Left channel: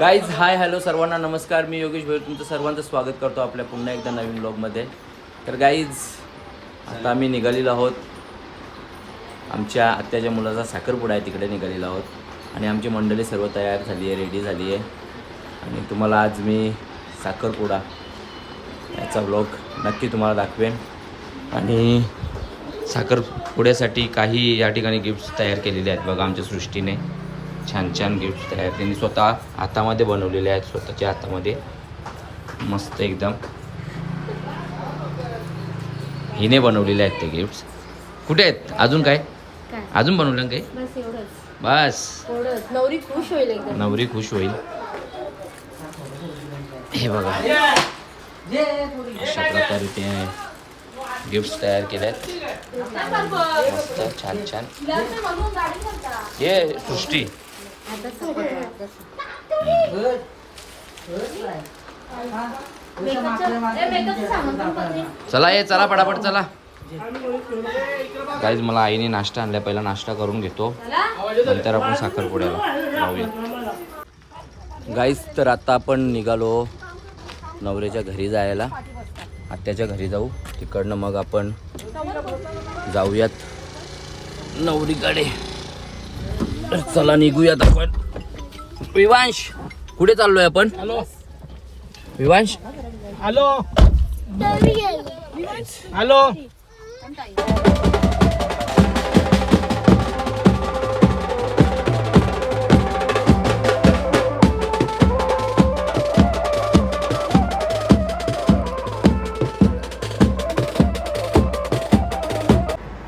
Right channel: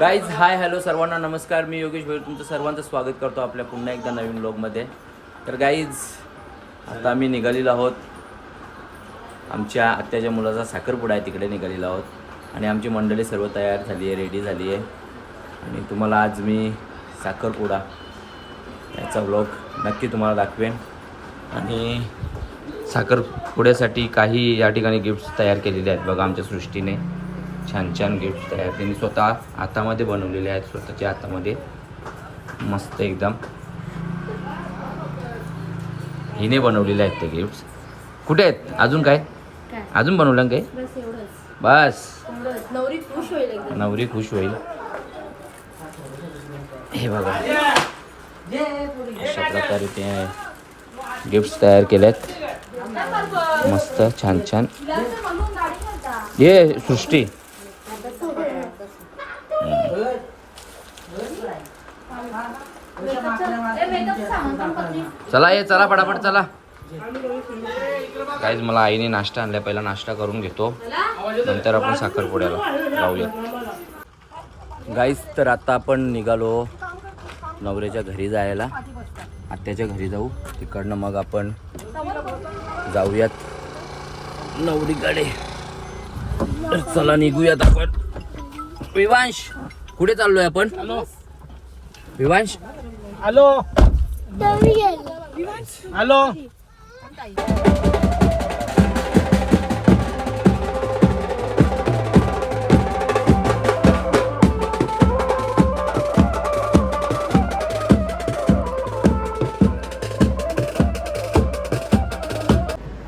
Guys hi hello सर्वांना नमस्कार. मी योगेश भाई तुमचं सर्वांचं स्वागत करतो आपल्या पुन्हा एकदा नवीन व्लॉगमध्ये. तर गाईज आता आम्ही निघालेलो आहोत. आमच्या आत्याच्या मुलाचा साखरपुडा आहे, तिकडे निघालेलो आहोत आणि आमची मंडळी सर्व तयार झाली आहे, रेडी झाली आहे. आणि तुम्हाला आज मी साखरपुडा याचा व्लॉग नक्की तुम्हाला दाखवेन. आणि साखरपुड्यासाठी काही या ठिकाणी गिफ्ट्स तयार केलेले आहेत बघा आमच्या सृष्टीने. छान छान गिफ्ट्स तयार त्यांनी स्वतः हातामध्ये बनवलेले आहेत, स्वतःच्या हातामध्ये मस्त एकदम हिने बनवलेले आहेत ते गिफ्ट्स. कुठे आहेत अजून? काय अजून बनवलं काय? बस नवरी खुश होईल. हे बघा अशा प्रकारे ते गिफ्ट्स तयार केलेत मस्त छान छान. ये सृष्टी चला ये चला पटापट चला. गाईज मला आईने नाश्ता आणलाय, पहिला नाश्ता करून घेतो नंतर आपण साखरपुड्याला जाऊया. गाईज तर आता आपण निघालो नवऱ्याच्या घरी जायला, आत्याच्या घरी जाऊ. तिकडनं मग आपण जाऊयात नवरीकडे. तर चला निघूयात आपण. विवांश कुठे चाललोय आपण? Vivansh hello hello.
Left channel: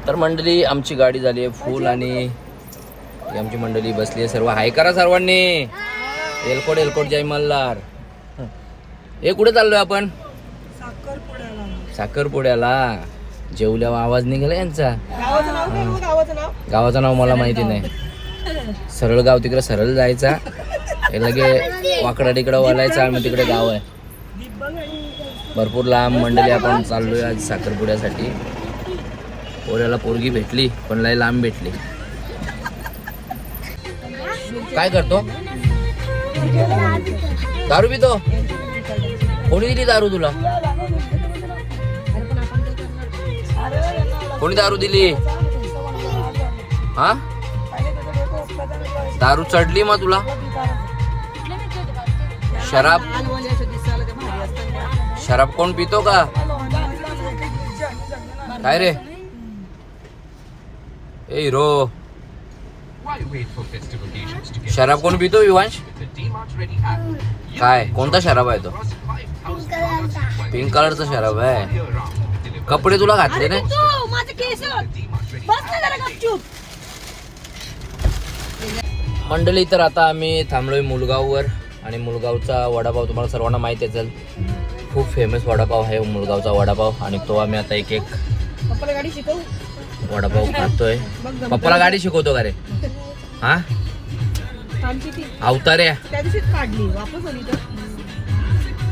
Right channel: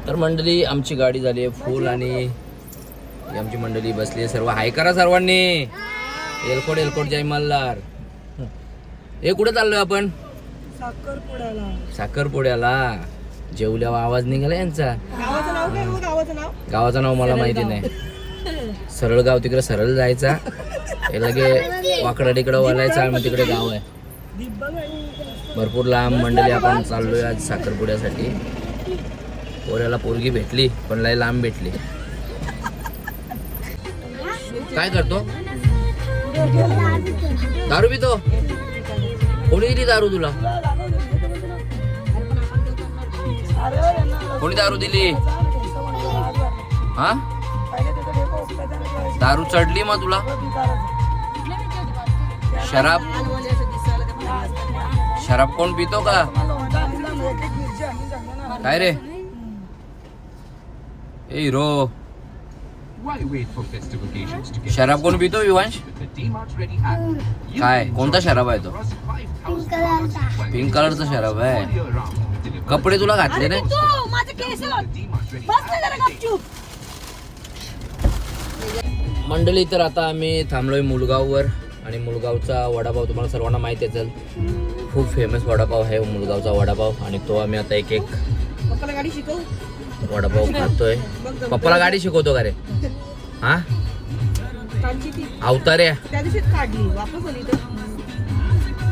तर मंडळी आमची गाडी झाली आहे फुल आणि आमची मंडळी बसली आहे. सर्व हाय करा सर्वांनी. एलकोट एलकोट जय मल्हार. हे कुठे चाललोय आपण? साखरपुड्याला. जेवल्यावर आवाज निघाला यांचा. गावाचं नाव मला माहिती नाही. सरळ गाव तिकडे सरळ जायचा, लगे वाकडा तिकडं वळायचा, मग तिकडे गाव आहे. भरपूर लांब मंडळी आपण चाललोय आज साखरपुड्यासाठी. पोऱ्याला पोरगी भेटली पण लय लांब भेटली. काय करतो? दारू पितो? कोणी दिली दारू तुला? कोणी दारू दिली? हा दारू चढली मग तुला? शराब कोण पितो का? काय रे ए हिरो, शराब कोण पितो विवांश? काय कोणता शराब आहे तो? पिंक कलरचा शराब आहे. कपडे तुला घातले नाही? मंडळी तर आता आम्ही थांबलोय मुलगाववर आणि मुलगावचा वडापाव तुम्हाला सर्वांना माहिती असेल, खूप फेमस वडापाव आहे मुलगावचा वडापाव. आणि तो आम्ही आता एक एक वडापाव खातोय. पप्पाला गाडी शिकवतो का रे? हा अवतार्या.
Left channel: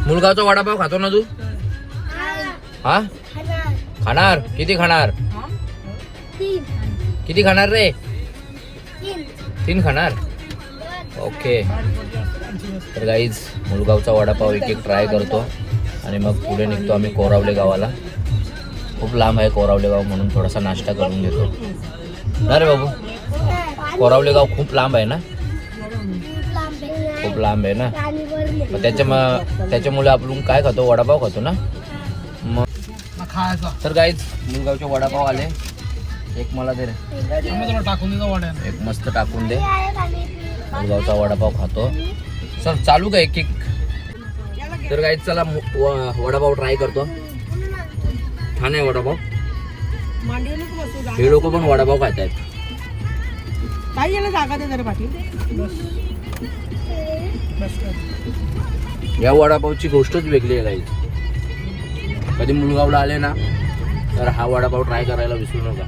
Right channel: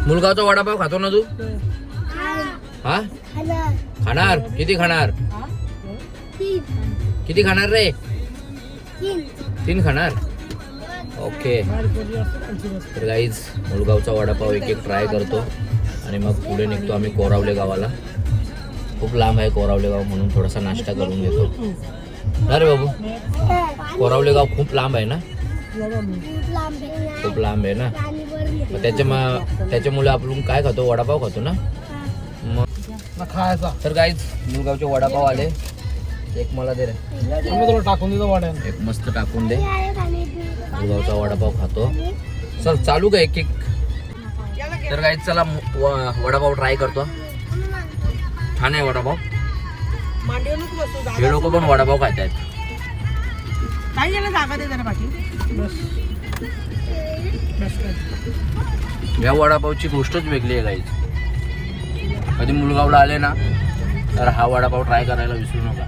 मुलगावचा वडापाव खातो ना तू? हा खाणार? किती खाणार? किती खाणार रे? 3 खाणार. ओके. तर गाईज मुलगावचा वडापाव एक एक ट्राय करतो आणि मग पुढे निघतो आम्ही कोरावले गावाला. खूप लांब आहे कोरावले गाव, म्हणून थोडासा नाश्ता करून घेतो. ना रे बाबू, कोरावले गाव खूप लांब आहे ना? खूप लांब आहे ना, मग त्याच्यामुळे आपण काय खातो? वडापाव खातो ना मग. तर गाईज मुलगावचे वडापाव आले. एक मला दे रे, टाकून देतो वड्या. एक मस्त टाकून दे. मुलगावचा वडापाव खातो. चल चालू का एक एक? तर गाईज चला वडापाव ट्राय करतो. छान आहे वडापाव. हे लोक पण वडापाव खात आहेत. या वडापावची गोष्टच वेगळी आहे गाईज. कधी मुलगावला आले ना तर हा वडापाव ट्राय करायला विसरू नका,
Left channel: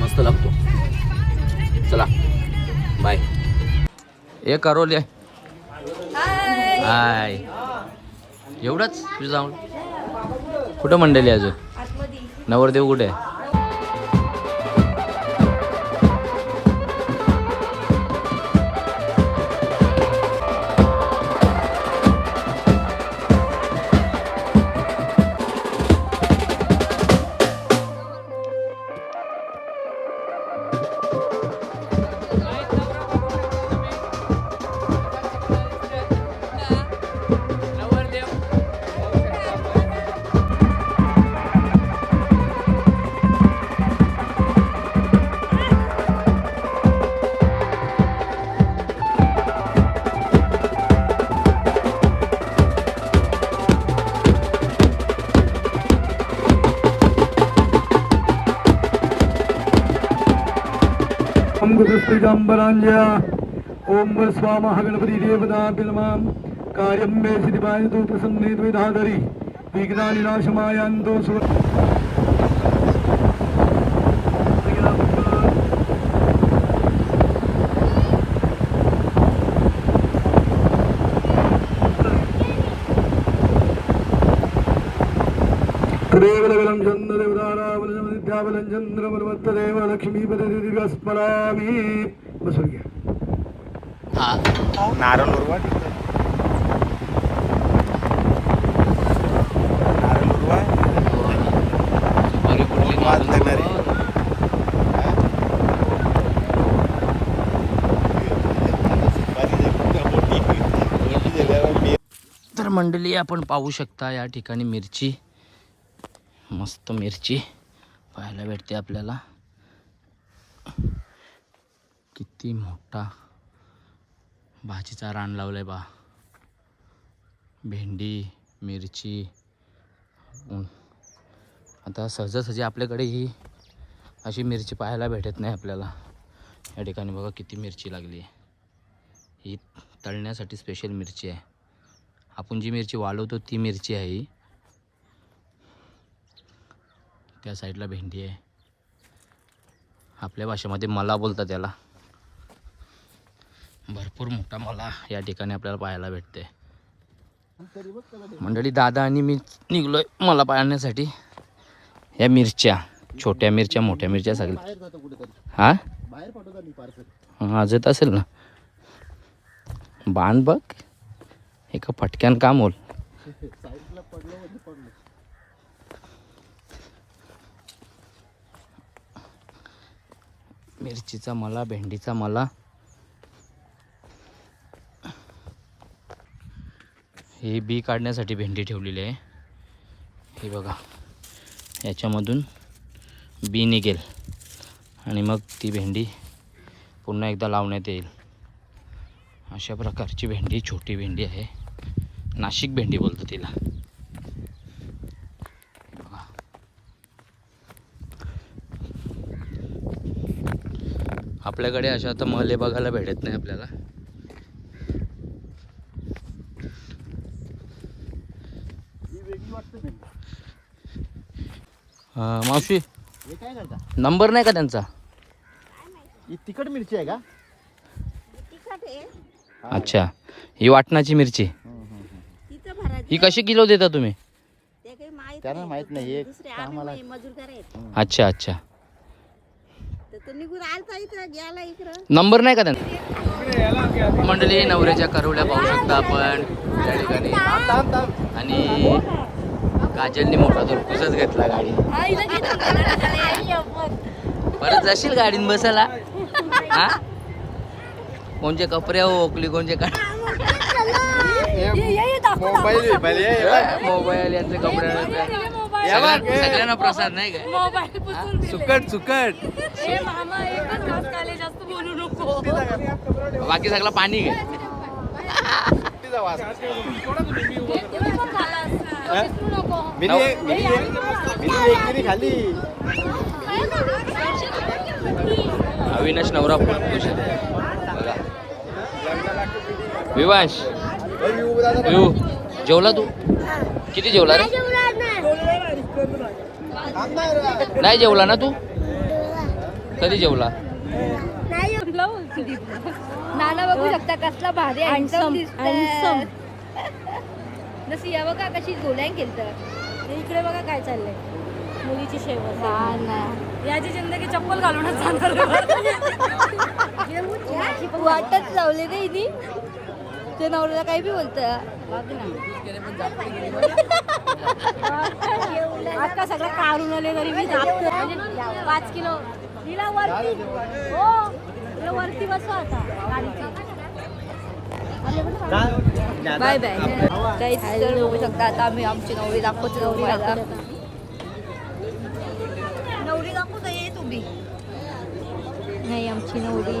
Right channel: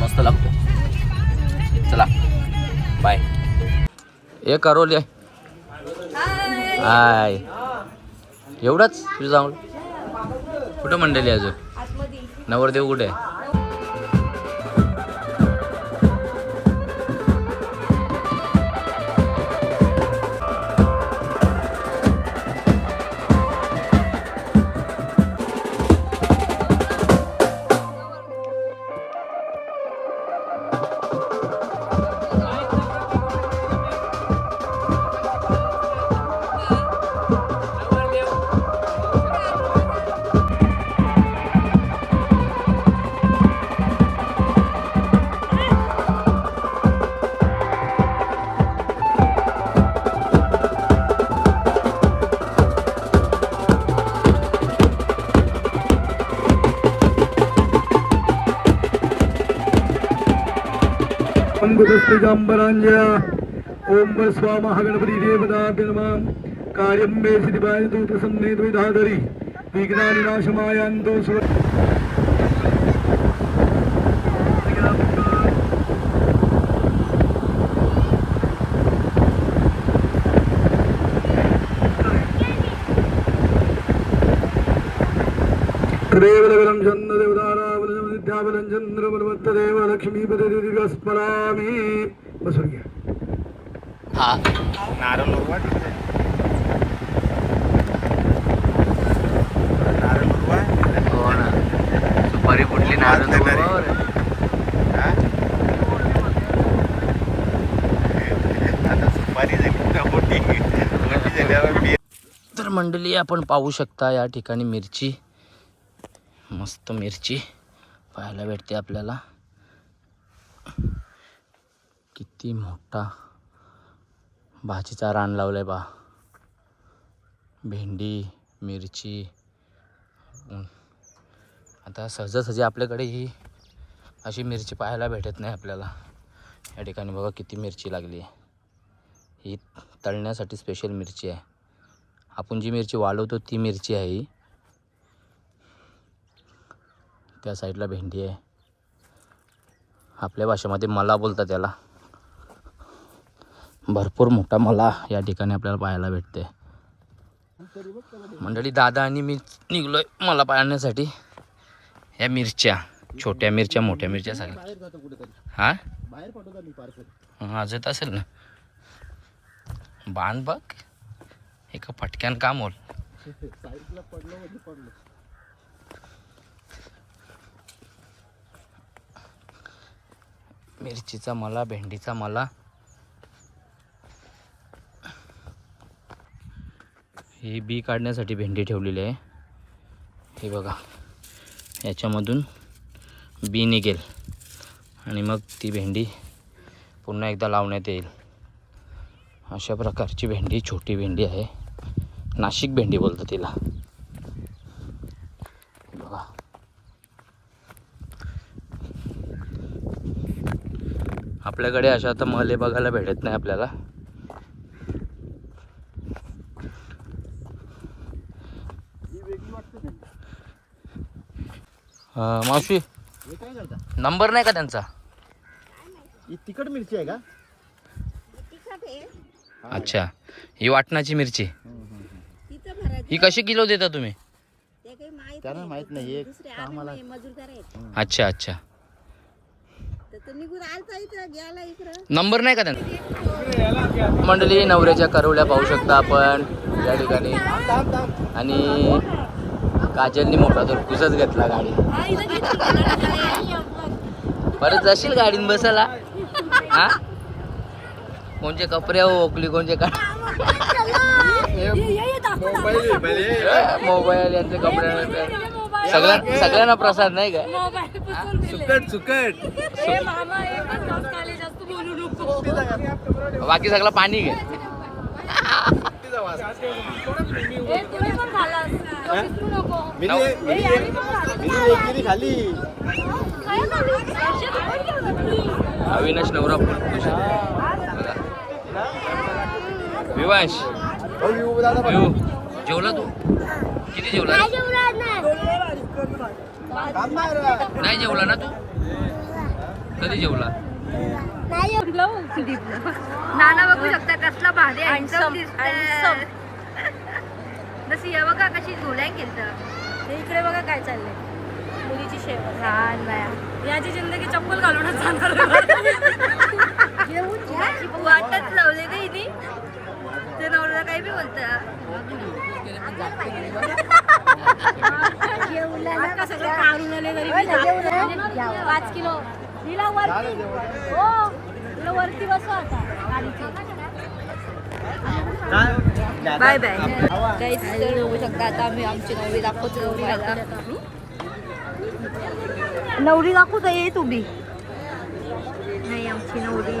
मस्त लागतो. चला बाय. हे करोले हाय एवढंच तुझं जाऊन. कुठं मंडळी अजून? नवरदेव कुठे आहे? कुतस्त्रिजाम्बराञ्जया ओम स्वाहा गणपति देवताभ्य नमः कार्यं मे सिद्धिपायतु प्रसन्ने द्वैधाधरि विघ्नानि नाशमायन्तु देवलगलं चन्द्रदेवतारावलं विद्यावलं चन्द्रमन्वत्तदेव लक्ष्मीपतिदिव्यस्मरामि बसून घ्या. हा हो ना. सुपारी कुठली नारळ तर मंडळी आपण पाहू शकता या ठिकाणी मिरची, मस्त मिरची पाहायला भेटते आपल्याला. किती मोठा भाजीचा रान लावलाय बा. भेंडी, मिरची. आता सहजासहजी आपल्याकडे ही अशी मिरची पाहायला भेटत नाही आपल्याला. या ठिकाणी बघा किती मिरची लागली आहे. ही तळण्यासाठी स्पेशल मिरची आहे. आपण जी मिरची वाळवतो ती मिरची आहे ही. त्या साईडला भेंडी आहे. आपल्या भाषेमध्ये मला बोलतात त्याला. भरपूर मोठा मला या ठिकाणी आपल्याला पाहायला भेटते. मंडळी दादा आणि मी निघलोय मला पाहण्यासाठी. या मिरच्या, छोट्या मिरच्या, मोठ्या मिरच्या सगळ्या. हां आज येत असेल ना. बाण बघ एका फटक्यान काम होईल. मिरचीचा मला, भेंडीचा मला. ही बी काढण्यासाठी भेंडी ठेवलेली आहे. हे बघा याच्यामधून बी निघेल आणि मग ती भेंडी पुन्हा एकदा लावण्यात येईल. अशा प्रकारची भेंडी, छोटी भेंडी आहे. नाशिक भेंडी बोलतो तिला. बघा आपल्याकडे अशा तर मले बघायला भेटत नाही आपल्याला. मावशी नंबर नाही का त्यांचा? तिखट मिरची आहे का? अच्छा, ही वाटणाची मिरची. ही कशी किलो देता तुम्ही? त्यांना माहित नाही. अच्छा अच्छा. नंबर नाही का त्यांचा? मंडळी नवऱ्याच्या करवल्या पाहू शकता आपण त्या ठिकाणी. आणि काजलनी मोठा तुरकुसच घेतला गाडी. परत जाशील गाडीन बसायला? हा कोणचे कपडे ओकली, कोणचे का मोबाईल यातले कपडे. सगळ्यांना प्रसाद नाही काय? सुकट सुकट. बाकी सगळं पाणी घे. खाली अविनाश नवरा खुश बघा. विवांश विवू जेवला तू? किती जेवला रे? नाही जेवला ना तू? कधी जेवला? नाना बघू शकता कसला भारी हँडसम दिसतंय. नसिया बघा कशी डोळ्यान केलं. इकडे बघा काय चाललंय. मुलीची शेप छान नाही. याची जिंदगी चप्पल घालूनच वाटच लावले रे हिनी. ते नवऱ्याला काही बी बोलत. आता सगळं काढून आले तरी मी 5 किलो वरती बसवा आता गाडीची. Bye bye. काहीच तर होऊ शकता. आता आम्ही आमची नवरी दाखवतो तुम्हाला. नवरी दाखवतो ये तुम्ही. नाही आमची नवरी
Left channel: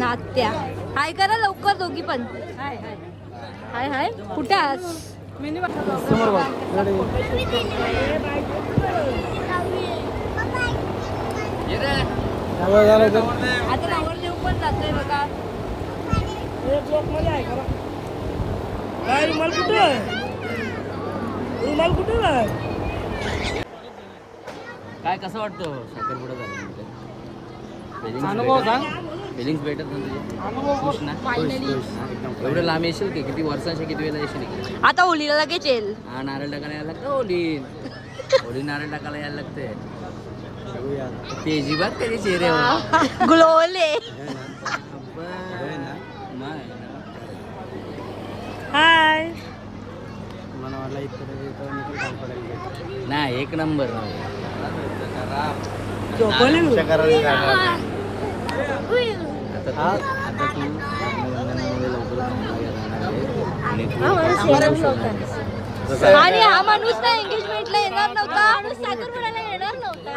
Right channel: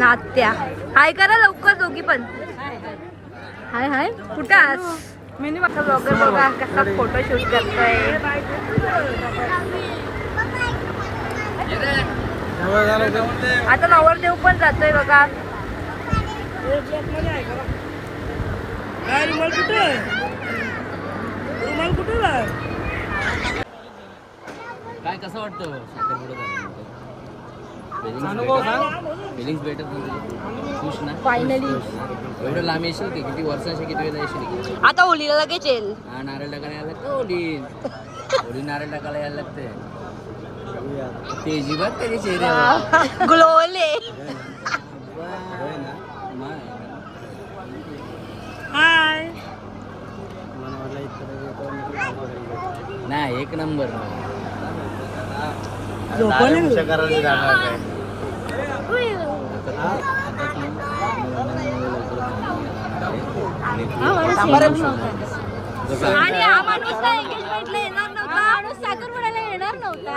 नात्या. हाय करा लवकर दोघी पण. हाय हाय. कुठं आज बघा कसा फोटोशूट करतोय. आता नवरदेव पण जातोय बघा. काय कसं वाटतं साखरपुडा झाल्यानंतर? फिलिंग्स भेटत ना तुझे? खुश ना? एवढं लांब येशील की किती वर्षाचे किती वेळेला येशील की? आता होलीला लगेच येईल. हा नारळ टाकायला यायला लागतं होली नारळ टाकायला यायला लागते. तेजी बघ त्याच्या चेहऱ्यावर. ग्लोले. हाय. नाही एक नंबर. आता तू लग्नामध्ये लवकर आणि तू आणि हा माणूस ना एंगेजमेंटला येणार नव्हता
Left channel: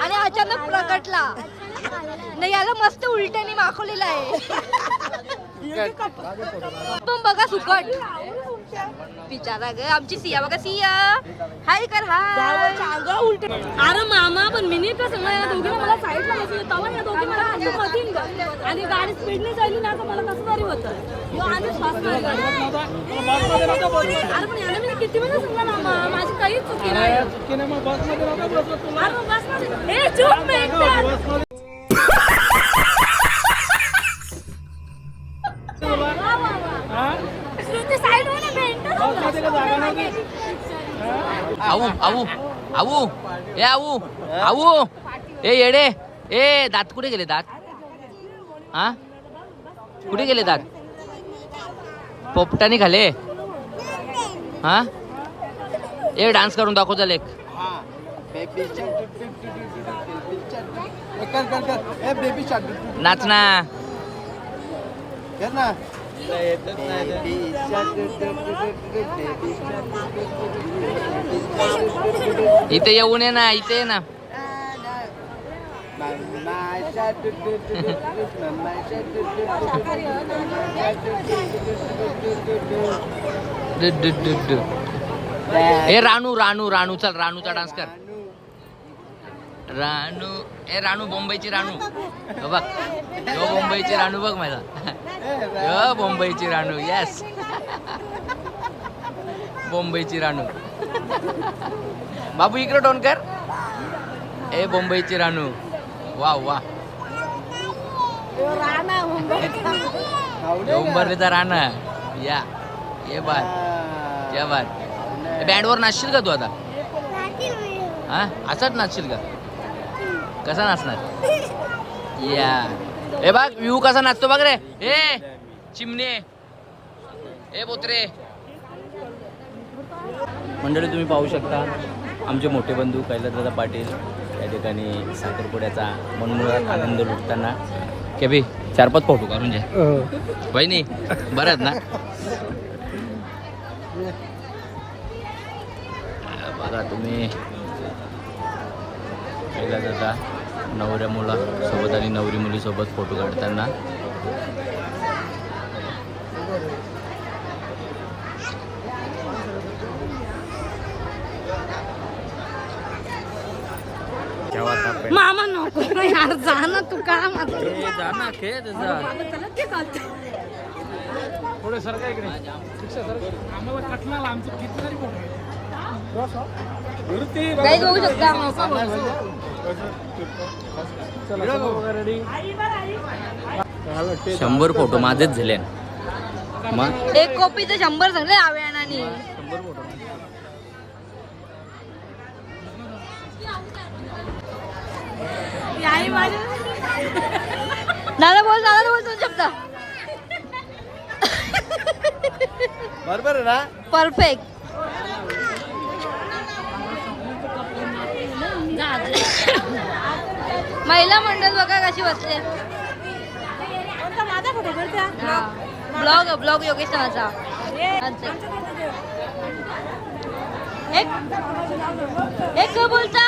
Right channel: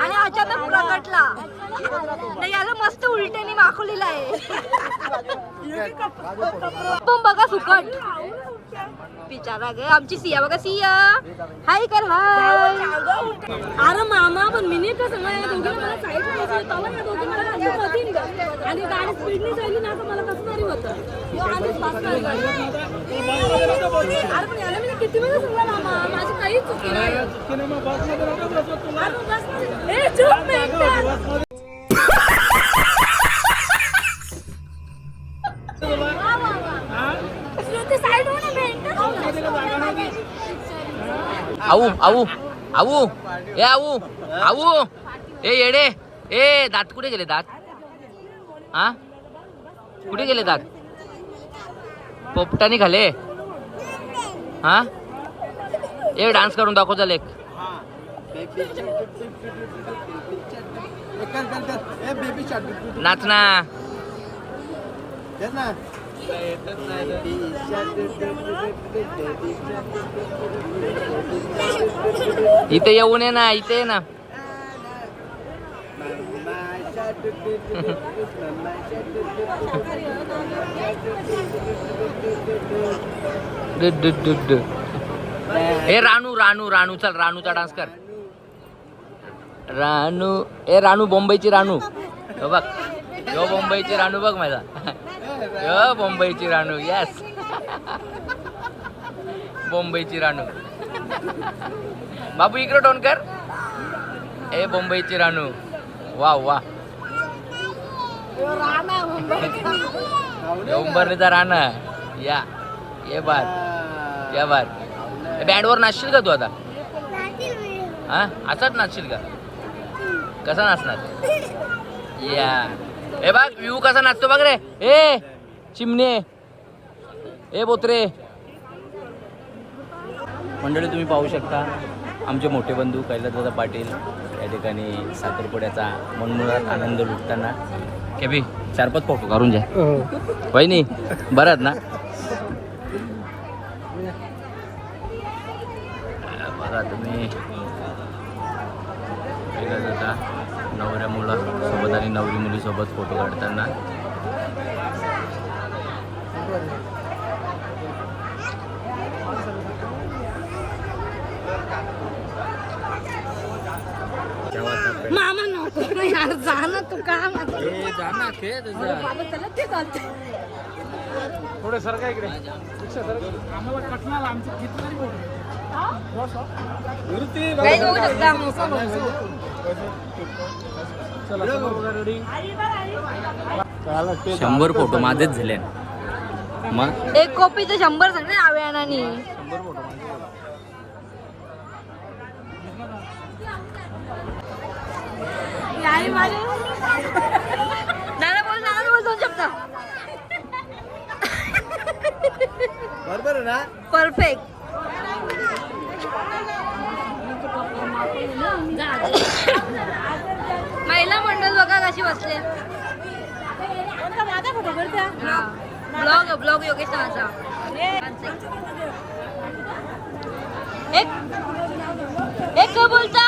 आणि अचानक प्रकटला. नाही याला मस्त उलट्याने माखवलेला आहे. पण बघा सुकट बिचारा ग. आमची सिया बघा. सिया हाय कर. हाय. अरे मामा पण मिनिट का सांगा दोघीला मला साईडला यायचं तवा या दोघी मला अंडू मधीन ग आणि गाडी स्पीडने जायली ना तर मला कसं तरी होतं. यो आधीच फास्ट मार गाडी. अरे पण याला मी किती वेळा सांगला मामा माझी काहीच चुकी नाही. अरे बस मध्ये ए चुप मिनिट. श्रुती साईड हो ना बेंट. आऊ आऊ आऊ ए आऊ आऊ ए येडे ए दात कुठे गेले दात? हा कुठे गेले दात? पोपटाने खाले. हा ए डान्स करून दाखव चल एक. नाच ना. इथे येऊन ये ना. इथे ये ना. ए रानू रानू रानू चल रानूचा डान्स कर. रानू ए रानू मुंबईची रानू बघ. यो मुंबईची रानू बघ माझा. यो मुंबईची रानू. येस मुंबईची रानू. बाबू इकडे टोन कर. ए मुंबईची रानू. वा वा. उंबरलीचा राणा. या ये बात या बात. बँडवर नाचशील का तू आता? हा असाच नाचशील का? कसा नाचणार? या ए बघ व्यू कसा नाचतो बघ रे. ए चिमणे ए बोत्रे. मंडळी तुम्ही पाहू शकता आमचे मोठे बंधू कैलासदादा पाटील या ठिकाणी साखरपुड्याचा मनमुराद आनंद लुटताना. के बी 4-5 फोटो काढून जा वहिनी बरं ना. बघा तुम्ही कैलासदादा नवऱ्या मुलासोबत आणि नवरी मुलीसोबत फोटो काढताना. मामा नको यार जा ना तू का जा ना खेळ गाईज बघू शकता. 100 फोटो माझेच झाले. मग एक कॉपीचं 100 सांगले आव्यानानी. 100 फोटो नाना बोल 2 शब्द. बरोबर आहे ना. परफेक्ट. महिला मंडळ बघा कशी बसले. माझा फोटो करते. ब्लॉग योगेश नाचा. एक बोलता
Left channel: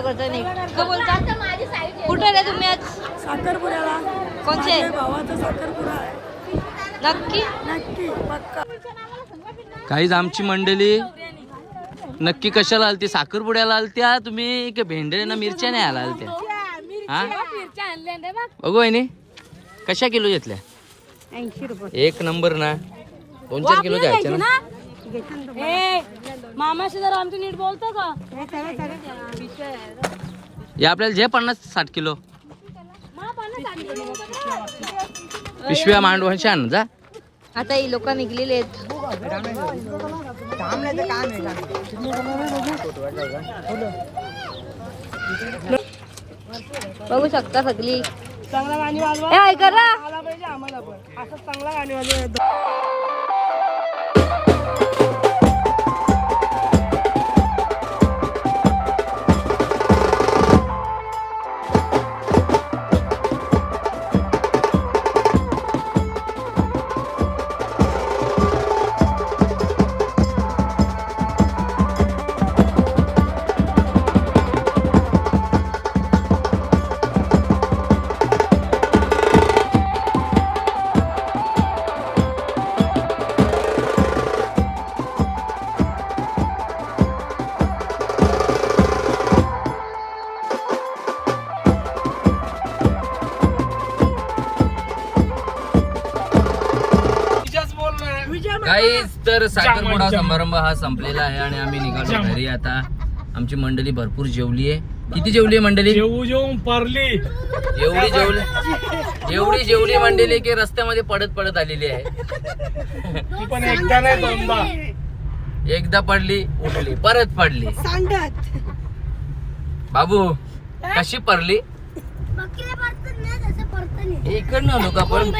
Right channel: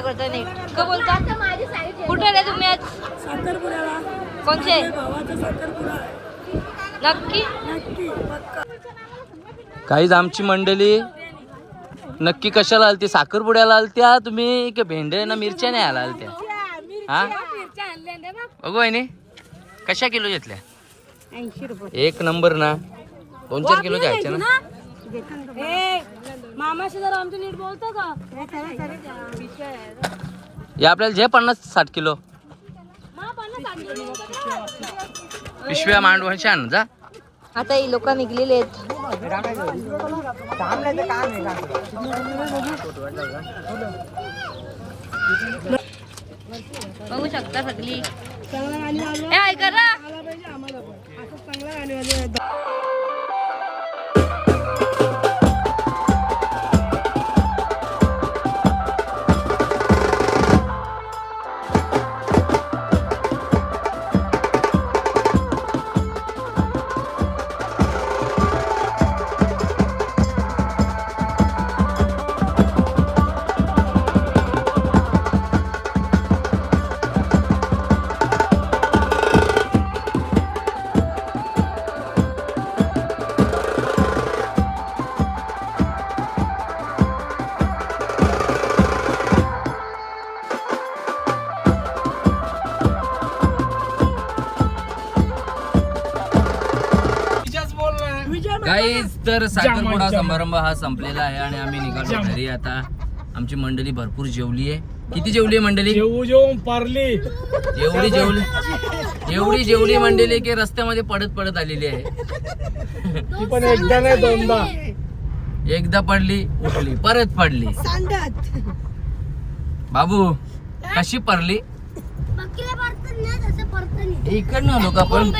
करता नाही का बोलता. कुठे रे तुम्ही आज? साखरपुड्याला. कोणते? भावाचा साखरपुडा. नक्की. काहीच आमची मंडळी नक्की कशाला आलती? साखरपुड्याला आलत्या तुम्ही की भेंडे ना मिरच्या नाही आला आलत्या? हा मिरच्या आणल्या ना बघ. बघू आहे कशा किलो घेतल्या 80 रुपये. एक नंबर ना 2-4 किलो घ्यायचे ना. ए, मामाशी जरा आमची नीट बोलतो का? या आपल्याला जे 50-60 किलो पिशव्या मांडून छान जा. आता ही लोक निघलेले आहेत. बघू शकता सगळी चांगला गाणी वाजवा. ए, ऐका ना. आला पाहिजे आम्हाला पण. असं चांगला गाणी वाजवा. गाईज तर साखरपुडा समारंभ हा संपलेला आहे आणि आम्ही निघालो घरी. आता आमची मंडळी भरपूर जेवली आहे. किती जेवली आहे मंडळी? पारली एवढी जेवली मंडळी की रस्त्यामध्ये पडत आलेली आहे. पण एकदा नाही दोनदा. एकदा पडली उठली परत पडली. बाबू कशी पडली? इकडनं लोक आपण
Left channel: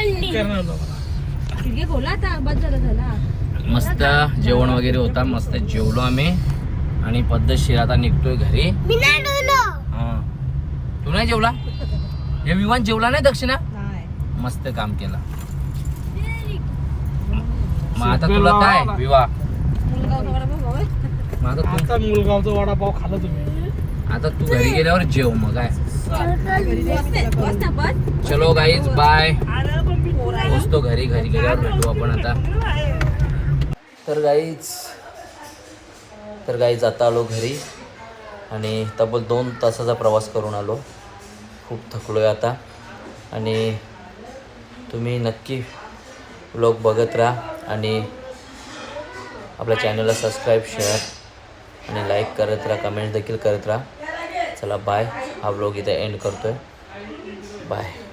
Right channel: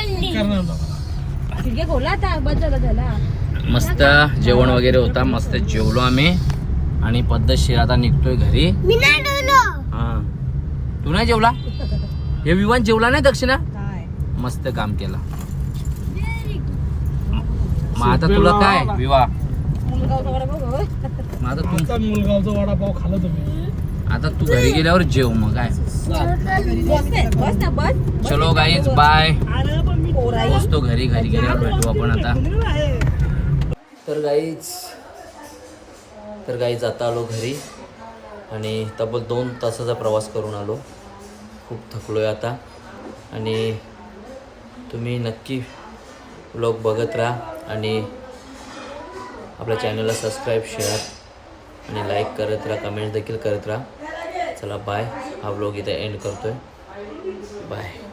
खिडक्या खोला आता बस झाला. मस्त जेवण वगैरे होता. मस्त जेवलो आम्ही आणि पद्धतशीर आता निघतोय घरी. हा तू नाही जेवला? हे विमान जेवला नाही दक्षिणा? मस्त काम केलं. मग आता तुला काय विवाह? मग आता तू मुलगावचा वडापाव खाल्ला तुम्ही? आता तू घरी गेल्यावर जेव मग काय. चलो गाईज बाय. पोचतो घरी गेल्यावर भेटू आपण आता. तर गाईज आता आलो घरी आणि तब्बल 2 तासाचा प्रवास करून आलो. खूप थकलोय आता आणि तुम्ही नक्की व्लॉग बघत राहा आणि आपल्या चॅनलला सबस्क्राईब शेअर आणि लाईक करत राहा. कमेंट देखील करत राहा. चला बाय. हा व्लॉग इथे एंड करतोय. बाय.